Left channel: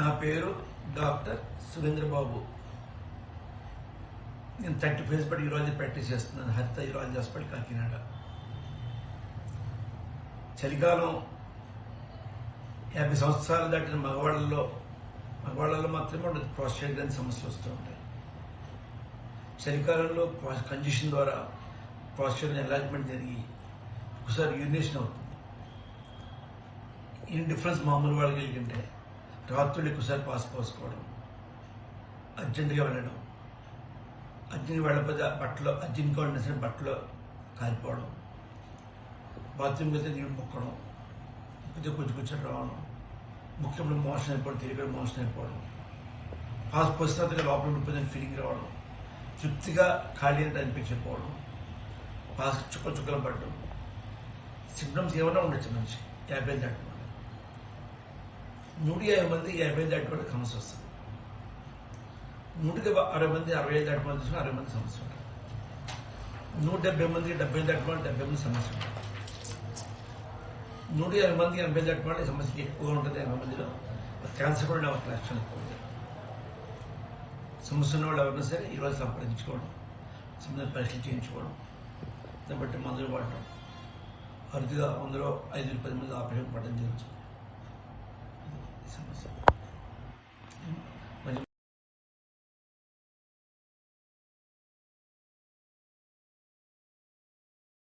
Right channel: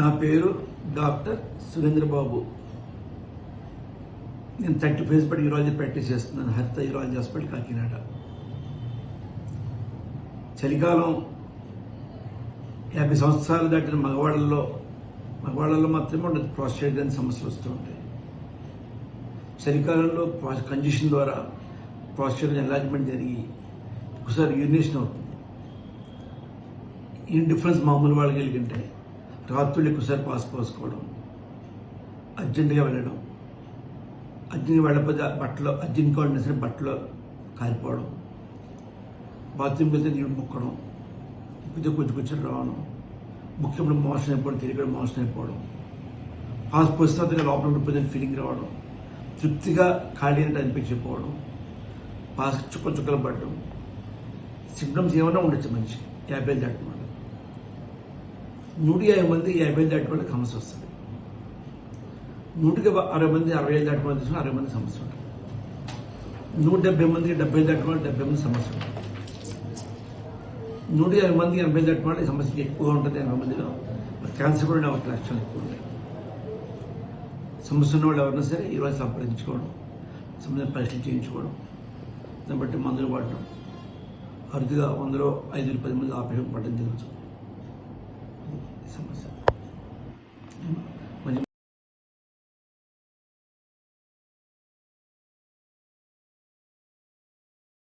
నా పేరు డాక్టర్ సురేంద్రబాబు. నేను 35 పడి యూరాలజీ ప్రాక్టీస్ చేస్తున్నాను. హరిత యూరాలజీ హాస్పిటల్, కాకినాడ. చలికాలం 50 సంవత్సరాలు దాటిన మగవాళ్ళలో మాత్రమే ఉండదు ప్రాస్టేట్ గ్రంథి సమస్యలు వస్తూ ఉంటాయి. చలికాలంలో కంజెషన్ ద్వారా ప్రాస్టేట్ ఎన్లార్జ్మెంట్ జరిగి ఒకసారి యూరినేషన్ అవుతుంది. ఈ డిఫరెన్స్ మామూలు వాళ్ళకి కలిగింటే రాత్రులు ఎక్కువసారి పోసుకోవడం, అర్జెంటుగా వెళ్ళడం, అర్జెంట్గా వెళ్ళకపోతే బట్టలో అర్జెంట్ కావాల్సిన బట్టలో కాలిపోవడం, బాత్రూమ్కి వెళ్తే నీళ్ళు ముక్కడం, కొంచెం కూర్చొని రావడం, ముఖ్యంగా మోషన్ అయిపోవడం, తిరిగి మోషన్ అయిపోవడం, పోస్తున్నట్టుగా లోపల ఉండిపోయిందని ఫీలింగ్ రావడం, తృప్తిగా ఖాళీ అంటే అనిపించకపోవడం, చుక్కలు పడడం, సిమ్టమ్స్ ఏమైనా ఉండొచ్చు మనిషి 50 దాటి వాళ్ళు. 150 మంది 50 దాటి వాళ్ళకి సమస్య వస్తుంది. 160 మంది 60 దాటి వాళ్ళు 60 మంది సమస్య ఉంటుంది. 170 మంది 70 దాటి వాళ్ళు 70 మంది సమస్య ఉంటుంది. 150 మంది 80 దాటి వాళ్ళ సమస్య ఎక్కువ ఉంటుంది. 80 మందిలో క్యాన్సర్ కూడా 1 లక్షలు ఎక్కువ ఉంటాయి. సమస్య ఉన్న వాళ్ళు ఎవరైనా సరే ఈరోజు సంప్రదించుకోవడం, సమస్య పరీక్షలు చేయించుకోవడం, దాన్ని బట్టి మందులు వాడటం, అరుదుగా 100 5 10 మంది ఆపరేషన్ పడడం జరుగుతుంది.